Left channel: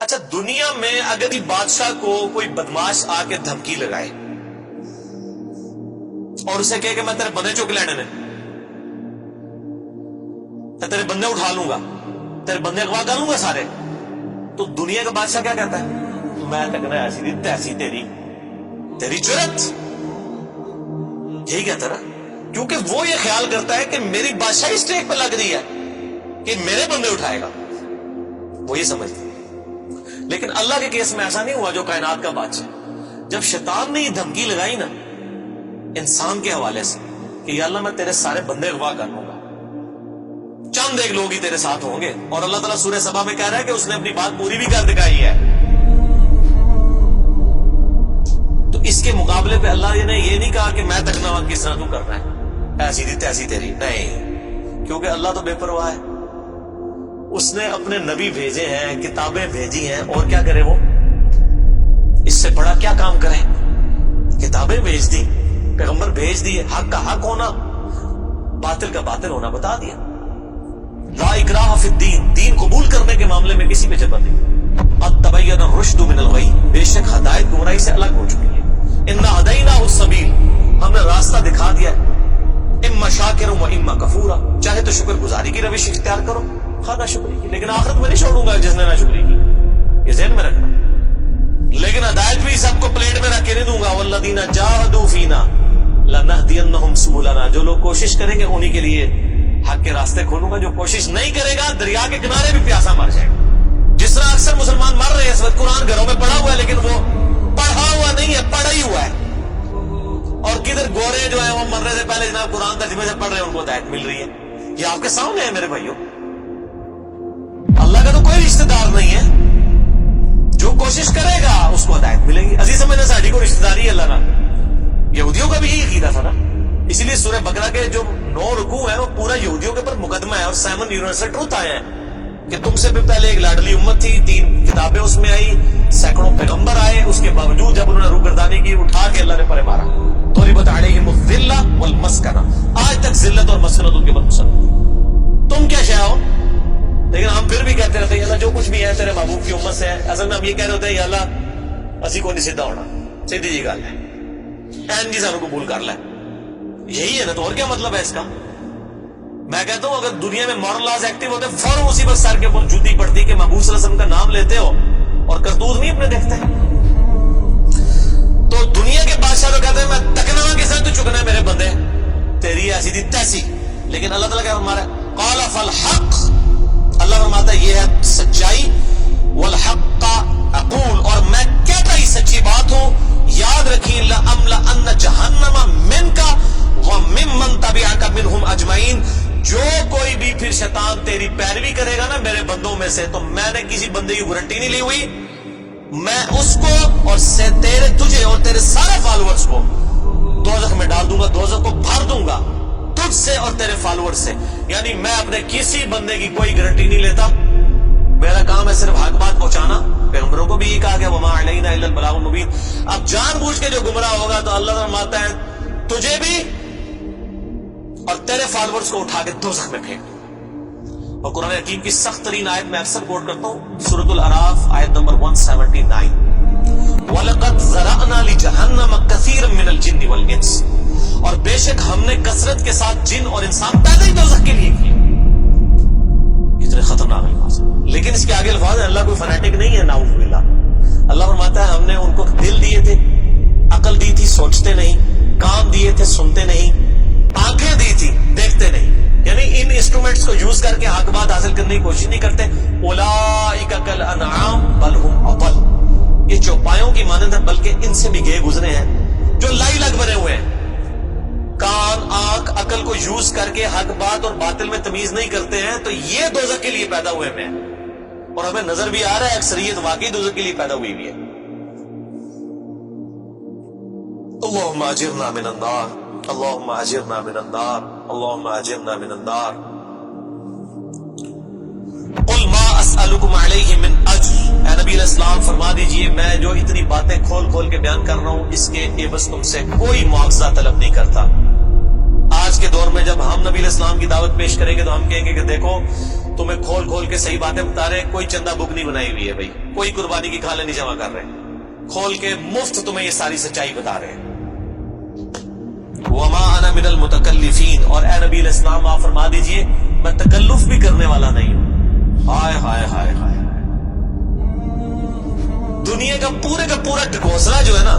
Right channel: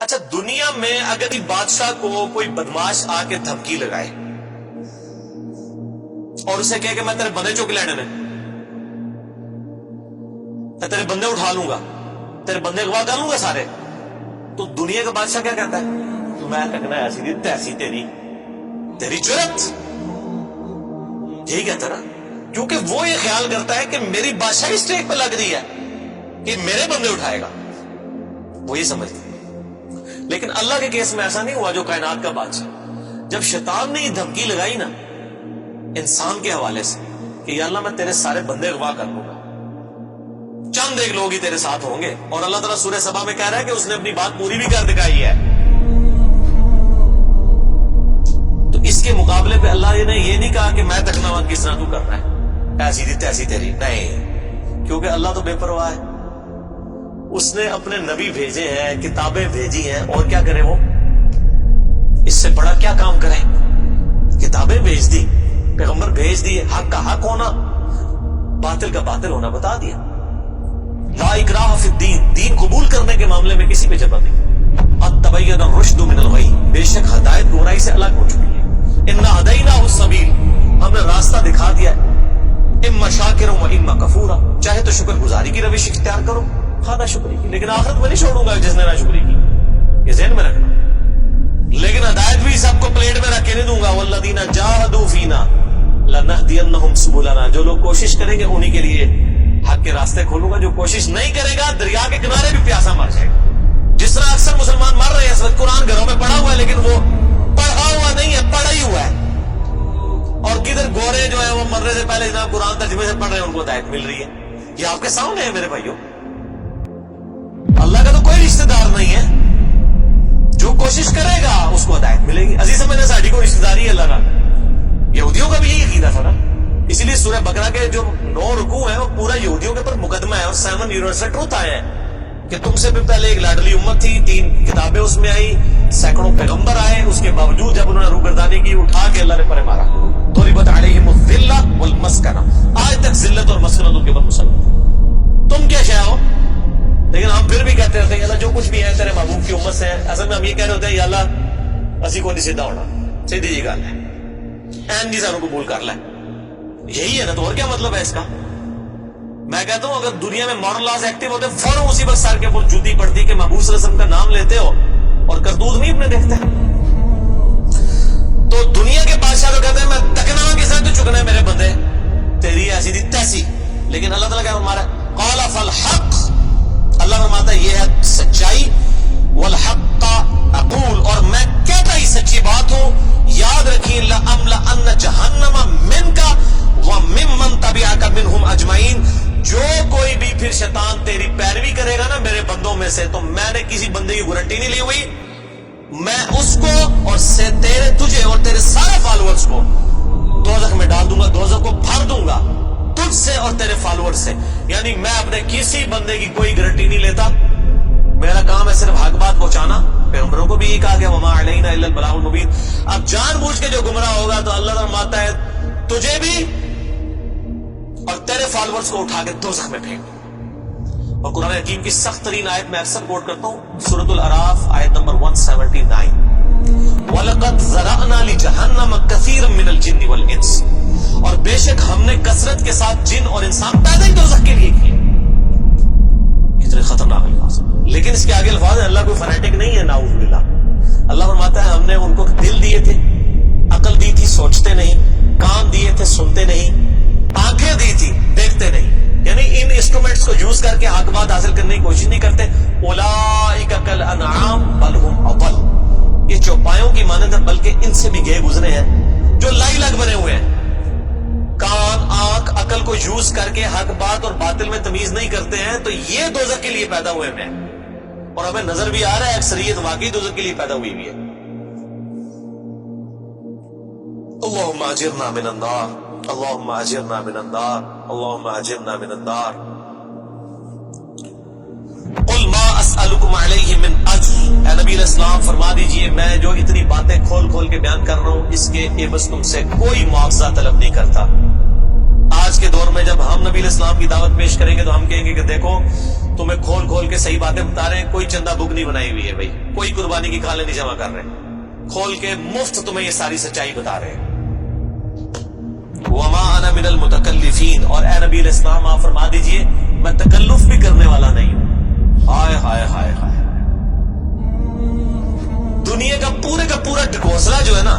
اچھا، دنیا میں اگر بادشاہ کو کوئی بدماش آ کے دھمکی لگائے اور اسے کہے کہ میں تیرے بندے چک لینے میں تیرے بندے اٹھا لوں گا، تیرے بندے اغوا کر لوں گا سارے، تو دنیا کا بادشاہ کیا کہتا ہے؟ میں تکنا ایسی دی تیسی تیری جرت، یہی کہتا نا، کیونکہ وہ یہ خیال کرتا ہے کہ میری بادشاہی اسٹیک پہ لگ رہی ہے کہ میرے بندے اٹھائے گا، وہ یہ سمجھتا ہے۔ لیکن اللہ کے کیس میں ایسا نہیں ہوا جو کائنات کا بادشاہ، جب شیطان نے یہ دھمکی لگائی نا انسان کے حوالے سے کہ یا اللہ میں تیرے سارے بندے اغوا کر لوں گا، چند ایک لوگ ہی تیرے ساتھ ہوں گے، اور اللہ تعالیٰ سورہ سبا میں کہہ رہا ہے کہ اس نے اپنی بات پوری بھی کر دکھائی ہے، تو اس کے مقابلے پہ اللہ نے یہ نہیں کہا کہ میں تکنا کس طرح تو کرنا ہے ایسی دی تیسی تیری، نہیں، کیونکہ اللہ تو بے پرواہ ہے، اس نے اپنے نبی بھیجے ہیں، کتابیں بھیجی ہیں، اور کیا کرے وہ؟ اس سے بڑا کیا کام کرے؟ کتابیں بھیج دی، پیغمبر بھیج دیے، حق کا حق ہونا، باطل کا باطل ہونا بتا دیا۔ لا اکراہ فی الدین، دین قبول کرنے کے معاملے میں کسی پہ جبر نہیں۔ قد تبین الرشد من الغی، بے شک ہدایت گمراہی سے الگ ہو چکی ہے۔ انا ہدیناہ السبیل، ہم نے راستہ دکھا دیا ہے، اما شاکرا و اما کفورا، چاہے تو شکر گزاری کی روش اختیار کرو، ہاں نہ شکری کی، لیکن آخرت میں نہیں چھوڑوں گا جس نے نہ شکری کی، یہ ذہن میں رکھنا۔ لیکن ہدایت بھی سب کو پلیٹ میں رکھ کے نہیں دوں گا، والذین جاہدوا فینا لنہدینہم سبلنا، جو لوگ کوشش کریں گے انہی کے لیے حق کے راستے کھولوں گا، جو کوشش نہیں کرے گا دریا کے کنارے بھی پیاسا مر جائے گا۔ جس طرح اکثر مسلمان مر رہے ہیں اس وقت، قرآن گھروں میں پڑھا ہوا ہے لیکن وہ پڑھا ہوا نہیں ہے، پڑھا ہی ہوا ہے، اور کدھر گورے جو ہیں وہ مرنے سے پہلے جناب قرآن ترجمے سے پڑھ رہے ہیں، ان کو ہدایت مل رہی ہے۔ یہ آپ کے سامنے ہے میرے بھائیوں، اللہ کا تو کوئی رشتہ دار نہیں ہے، جو کوشش کرے گا اس کو ہدایت ملے گی۔ عزیز سمجھنا ساڑھی کو رشتہ داری ہے اللہ نال، یہودیوں کا بھی یہی عقیدہ تھا نا، اسی لیے سورہ بقرہ کے جو 9 رکوع ہیں وہ پورا یہودیوں کے اوپر مقدمہ ہے، اور 7 یونیورسل ٹروتھ آئے ہیں کہ تم سے بھی پہلے ایک لاڈلی امت تھی، 3 کتابیں اس میں آئی، سینکڑوں پیغمبر آئے، اس کے باوجود جب انہوں نے روگردانی کی اٹھا کے اللہ نے پرے مارا، ضربت علیہم الذلہ والمسکنہ، آج تک ذلت اور مسکنت ان کے اوپر مسلط، تم کیا شے ہو؟ لیکن ہم پھر بھی کہتے رہتے ہیں اللہ جو کچھ بھی ہے تیرے محبوب کی امت سے ہے۔ اصل میں ہم یہ کہہ رہے ہوتے ہیں یا اللہ اسی کو نہیں سیدھا ہونا، سیدھی جی گل ہے، این جی سانو قبول کر لے، یہی ہے نا، تو اور کیا مطلب ہے اس کا؟ میں کہتا ہوں اگر دنیا میں مارل لاز ایکٹیو ہوتے فوراً اسی وقت سر کے اوپر جوتی پڑتی کہ محبوب صلی اللہ علیہ وسلم کا نام لیتے ہو اور کرتوت نہیں اپنے دیکھتے۔ تو دنیا کے بادشاہ تو کہتے ہیں میں تکنا کس طرح تو چکنا ہے میرے بندے، تیری ایسی دی تیسی، لیکن اللہ تعالیٰ کیا فرما رہا ہے؟ قال فالحق، اللہ فرماتا ہے یہ ہے سچائی، والحق اقول، اور میں کہتا ہی سچی بات ہوں، یاد رکھیں لأملأن جہنم منک وممن تبعک منہم اجمعین، جو کوئی بھی پھر شیطان تیری پیروی کرے گا نا میرے بندوں میں سے، تو میں نے کسی بندے کی گارنٹی نہیں لی ہوئی، میں اس کو اور تجھے اور تیرے سارے فالوورز کو دوزخ میں ڈال دوں گا، دوزخ کو بھر دوں گا تجھ سے اور تیرے فالوور سے، یعنی میں اپنے کسی بندے کی کوئی گارنٹی نہیں لیتا، میرا کام ہے صرف حق بات پہنچانا۔ پیغمبروں کو بھی یہ کہا گیا وما علینا الا البلاغ المبین۔ اب جان بوجھ کے جو گمراہ ہوگا تو اللہ فرماتا ہے تجھے بھی اور تیرے فالوورز کو اٹھا کے دوزخ میں پھینک۔ اور قرآن حکیم کی سخت ترین آیت میں اکثر کوٹ کرتا ہوں، سورۃ الاعراف آیت نمبر 179، وَلَقَدْ ذَرَأْنَا لِجَهَنَّمَ كَثِيرًا مِنَ الْجِنِّ وَالْإِنسِ، اور بے شک ہم نے کثرت کے ساتھ جن اور انسان پیدا ہی دوزخ کے لیے کیے۔ کتنے خطرناک الفاظ ہیں، لیکن اس کے آگے الفاظ ہیں، اللہ کوئی فنیٹک نہیں ہے، نعوذ باللہ۔ اللہ فرماتا ہے ہم نے ان کو دل دیے تھے، عقل دی تھی سوچتے نہیں، کان دیے تھے سنتے نہیں، آنکھیں دی تھی دیکھتے نہیں، یعنی ان انسٹرومنٹس کو یوز کر کے حق بات حاصل کرنے کی کوشش نہیں کرتے۔ اولئک کالانعام بل ہم اضل، یہ چوپایوں کی مانند ہے بلکہ ان سے بھی گئے گزرے ہیں، جو لائی لگ بنے ہوئے ہیں، کان آنکھ عقل کو یوز کر کے حق بات اور باطل میں تمیز نہیں کرتے ہیں، تو یہ دوزخ کے لیے پیدا ہوئے ہیں، اور ہمیں نظر بھی آ رہا ہے اکثریت واقعی دوزخ کے لیے پیدا ہوئی بھی ہے۔ اللہم اجرنا من النار، اللہم اجرنا من النار، اللہم اجرنا من النار۔ قل ما اسألکم علیہ من اجر، اے نبی علیہ السلام فرما دیجئے میں جو اتنی باتیں کھول کھول کے بیان کر رہا ہوں اس کے عوض تم سے کوئی معاوضہ طلب نہیں کرتا۔ آج کے دور میں جب ہم نبی علیہ السلام کی دعوت پیش کریں گے تو ہم کہیں گے کہ دیکھو تمہیں کھول کھول کے صحیح باتیں بتا رہے ہیں. کوئی چندہ بک نہیں بنائی ہوئی ہے بھائی, کوئی قربانی کی کھالیں نہیں جمع کر رہے, کھول کے مفت تمہیں یہ ساری سچائی بتا رہے ہیں. وما انا من المتکلفین, اور اے نبی علیہ السلام آپ فرما دیجئے میں تکلف بھی کرنے والا نہیں ہوں. ہائے ہائے ہائے ہائے, دنیا کا پورا ڈھکوسلا جو ہے نا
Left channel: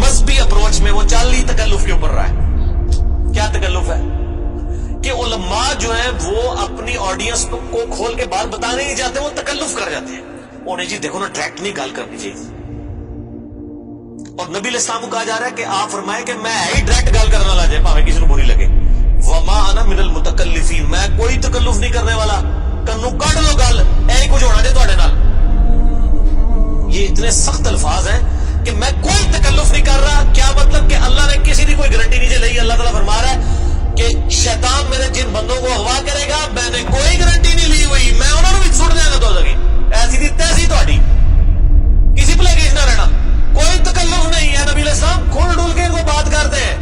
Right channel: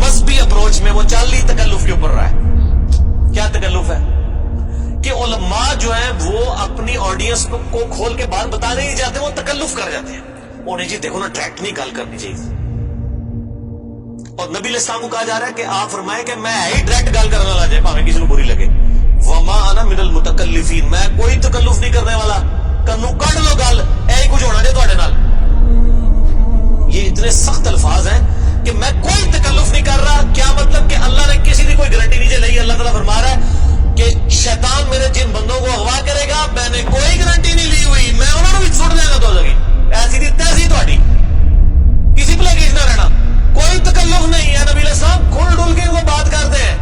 مذہبی اپروچ میں, وہ چالی تکلف کے اوپر رہا ہے. کیا تکلف ہے کہ علماء جو ہیں وہ اپنی آڈینس کو کھول کے بات بتانے نہیں چاہتے, وہ تکلف کر جاتے ہیں. انہیں جی دیکھو نا ڈائریکٹ نہیں گال کرنی چاہیے. اور نبی علیہ السلام کو کہا جا رہا ہے کہ آپ فرمائے کہ میں ہی ڈائریکٹ گال کرنے والا جائے پاویں کسی کو بری لگے. وما انا من المتکلفین, میں کوئی تکلف نہیں کرنے والا. کنو کڈ لو گل, اے کچھ ہونا جے تواڈے نال. یہ اتنے سخت الفاظ ہیں کہ میں کوئی تکلف نہیں کر رہا. کیا مطلب کہ اللہ نے کسی کی کوئی گارنٹی نہیں لئی. اللہ تعالیٰ فرما رہا ہے کہ شیطان میرے جن بندوں کو اغوا کرے گا میں نے کوئی گارنٹی نہیں لی ہوئی, میں انہوں نے بھی چھوڑ دیا گا. تو ایسی دی تیسی تہاڈی, کسی پلے کیس نہ رہنا, کوئی تکلف نہیں ہے. نبی علیہ السلام کھل ڈل کے ان کو بات کرتے ہیں.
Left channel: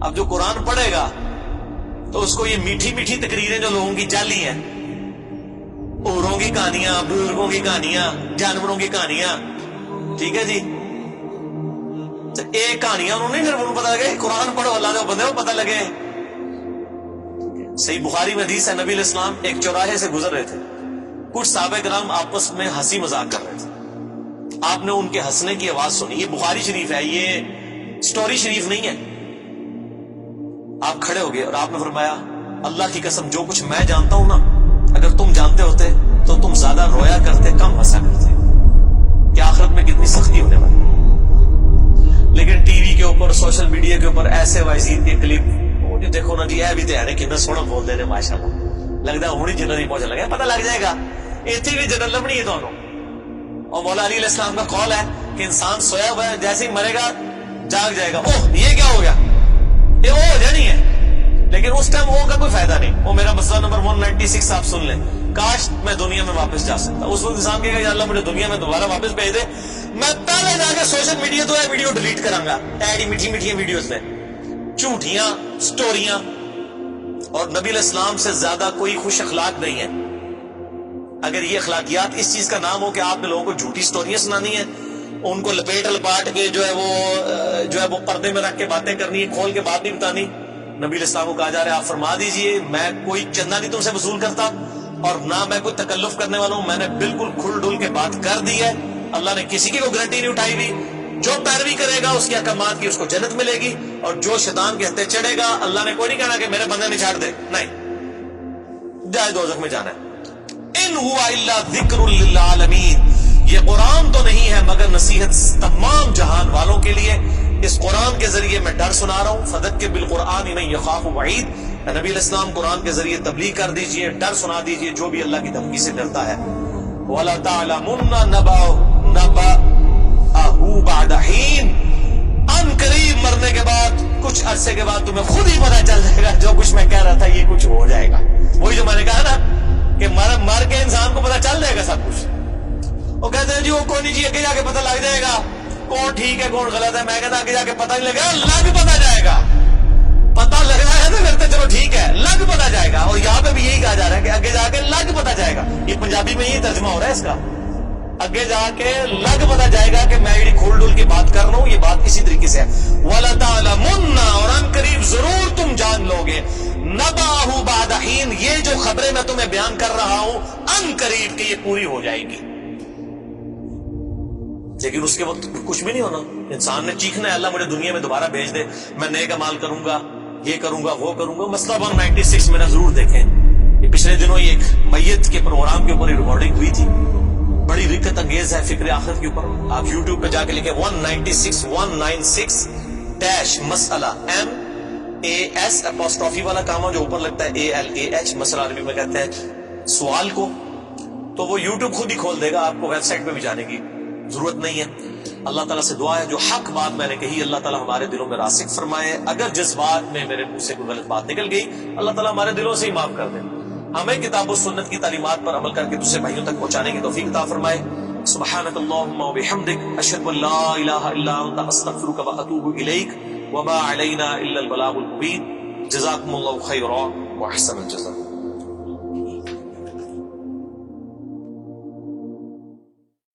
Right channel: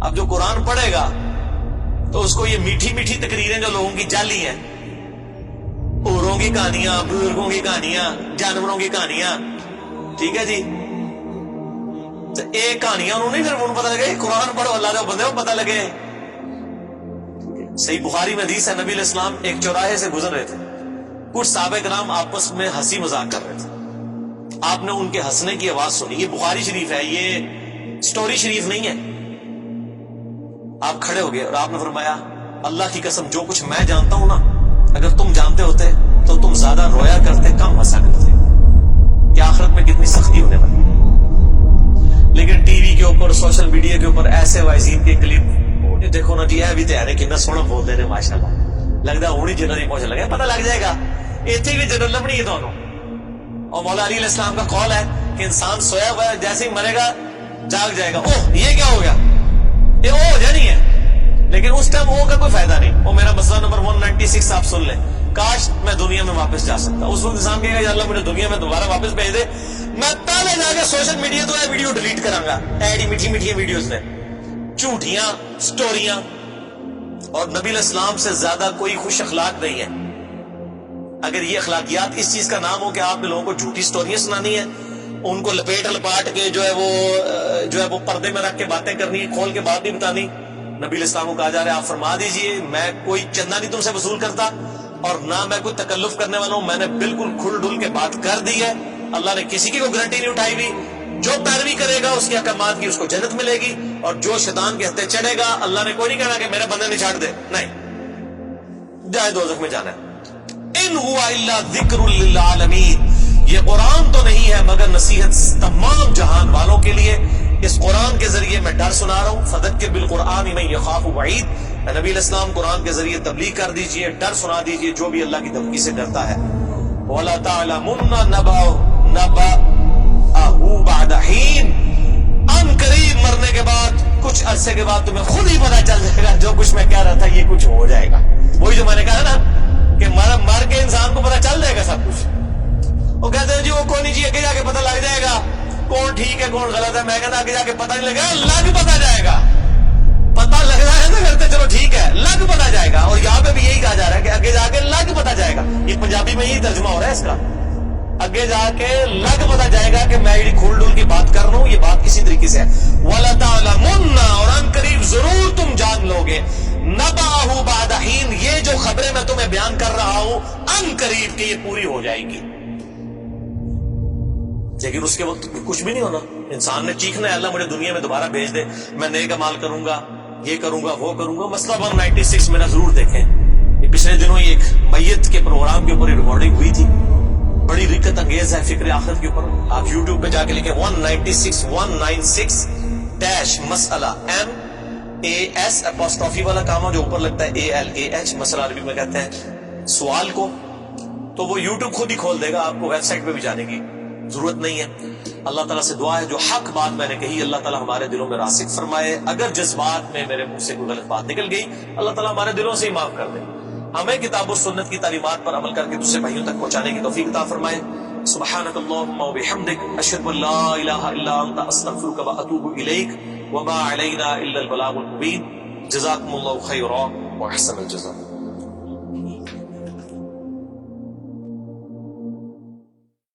اب جو قرآن پڑھے گا تو اس کو یہ میٹھی میٹھی تقریریں جو لوگوں کی جعلی ہیں, اوروں کی کہانیاں, بزرگوں کی کہانیاں, جانوروں کی کہانیاں, ٹھیک ہے جی, تو ایک کہانیاں انہوں نے, پھر انہوں پتہ لگے قرآن پڑھو اللہ دے بندے کو پتہ لگے. صحیح بخاری میں حدیث ہے, نبی علیہ السلام ایک چوراہے سے گزر رہے تھے. کچھ صحابہ کرام آپس میں ہنسی مذاق کر رہے تھے. آپ نے ان کے ہنسنے کی آواز سنی. یہ بخاری شریف ہے, یہ سٹوری شریف نہیں ہے. آپ کھڑے ہو گئے اور آپ نے فرمایا اللہ کی قسم جو کچھ میں جانتا ہوں نا, اگر تم جانتے ہوتے تو تم زیادہ رویا کرتے, کم ہنسا کرتے. کہ آخرت میں کتنی سختی ہونے والی. لیکن ٹی وی کے اوپر, سوشل میڈیا کے اوپر ایسے وائزین کے کلپ, وہ دیکھو نا جی اے بھی تیار ہے کتنا سونا بول دے رہے ماشاءاللہ. لگتا ہے ہونی جنت ہی پہنچنے لگا, پتہ لگ جائے گا اتنی بھی جنت لبنی ہے دونوں. اور مولا علی علیہ السلام کا قول ہے کہ انسان سویا ہوا ہے, جیسے ہی مرے گا جاگ جائے گا. اوہ یہ کیا ہو گیا, یہ او ہو جانی ہے. لیکن اس ٹائم او کا کوئی فائدہ نہیں. وہ میرا مسئلہ نمبر 196 آپ سن لیں. کاش میں دنیا میں واپس جا سکتا. اس وقت انسان کہے گا یا اللہ مجھے دنیا میں دوبارہ واپس بھیج دے, میں پہلے جا کے سوشل میڈیا تو ویڈیو ڈیلیٹ کراں گا. ایڈی میٹھی میٹھی ویڈیوز نے, جھوٹیاں سٹوریاں. اور نبی علیہ السلام سے زیادہ کوئی خوش اخلاق نہیں ہے. اگر یہ اخلاقیات اس چیز کا نام ہو کہ آپ نے لوگوں کو جھوٹی سٹوریاں سنانی ہیں, ان کو لپیٹ لپاٹ کے جو ہے وہ پردے میں رکھ کے باتیں کرنی ہے, کھول کے بات نہیں بتانی. نبی علیہ السلام کو کہا جا رہا ہے آپ فرما دیجئے میں کوئی چندہ نہیں تم سے وصول کرتا, اور نہ میں کوئی تکلف کرنے والا ہوں. میں نے بالکل کھل ڈل کے بات کر دی ہے. اللہ نے کسی کی کوئی گارنٹی نہیں اٹھائی ہوئی. جو پیروی کرے گا اس کے احکامات کی اس کو جنت ملے گی, اور جو شیطان کے ہتھے چڑھے گا اللہ نے کوئی نہیں کہنا کہ میرے بندے نے چھاڑ دے, نہیں جائے دوزخ میں جانا ہے. ان ہوا الا ذکر للعالمین, یہ قرآن تو نہیں ہے مگر نصیحت تمام جہان والوں کے لیے. اس قرآن کے ذریعے میں ڈر سنا رہا ہوں. فذکر بالقرآن من یخاف وعید, نبی علیہ السلام قرآن کے ذریعے تبلیغ کر دیجئے, ڈر سنا دیجئے جو بھی اللہ کی دھمکی سے ڈرتا ہے. وَلَا تَعْلَمُنَّ نَبَأَهُ بَعْدَ حِينٍ, ان قریب مرنے کے بعد کچھ عرصے کے بعد تمہیں خود ہی پتہ چل جائے گا جو کچھ میں کہہ رہا تھا یہ کچھ ہو جائے گا. وہی جو میں نے کہا نا کہ مر کے انسان کو پتہ چل جائے گا سب کچھ. وہ کہتے ہیں جی وہ کوئی نہیں جی, آگے جا کے پتہ لگ جائے گا کون ٹھیک ہے کون غلط ہے. میں کہتا آگے جا کے پتہ نہیں لگا, لگ پتہ جائے گا. پتہ لگ رہا ہے نا پھر تو چلو ٹھیک ہے, لگ پتہ جائے گا. اور یہاں پہ بھی یہی کہا جا رہا ہے کہ آگے جا کے لگ پتہ جائے گا. یہ پنجابی میں یہی ترجمہ ہو رہا ہے اس کا, آگے جا کے لگ پتہ جائے گا کہ میں یہ کھول ڈول کی بات کر رہا ہوں, یہ بات اسی طریقے سے ہے. وَلَا تَعْلَمُنَّ, اور ان قریب ضرور تم جان لو گے, نَبَأَهُ بَعْدَ حِينٍ, یہ جو خبریں میں تمہیں بیان کر رہا ہوں ان قریب کہ یہ پوری ہو جائے گی. لیکن اس کے وقت کچھ بھی نہیں ہونا. انسان نے چیخنا ہے اللہ مجھے دنیا میں دوبارہ بھیج دے, میں نیک اعمال کروں گا, یہ کروں گا وہ کروں گا. مسئلہ 196 میں نہ ضرور دیکھیں, یہ پچھلے دنوں ہی ایک میت کے پروگرام کے اوپر ریکارڈنگ ہوئی تھی, بڑی رکت انگیز ہے فکر آخرت کے اوپر. آپ یوٹیوب پہ جا کے لکھیں 196 مسئلہ MAS والا کامہ جو اوپر لگتا ہے ALAH, مسئلہ عربی میں کہتے ہیں سوال کو, تو وہ یوٹیوب خود ہی کھول دے گا. آپ کو ویب سائٹ پہ بھی جانے کی ضرورت نہیں ہے. اللہ تعالیٰ سے دعا ہے جو حق بات میں نے کہی اللہ تعالیٰ ہمارے دلوں میں راسخ فرمائے. اگر جذبات میں میرے منہ سے کوئی غلط بات نکل گئی اللہ تعالیٰ ہمارے دلوں سے ہی معاف کر دے. ہمیں کتاب و سنت کی تعلیمات پر عمل کر کے دوسرے بھائیوں تک پہنچانے کی توفیق عطا فرمائے. سبحانک اللہم و بحمدک, اشہد ان لا الہ الا انت, استغفرک و اتوب الیک, وما علینا الا البلاغ المبین. جزاکم اللہ خیرا. واحسن الجزاء.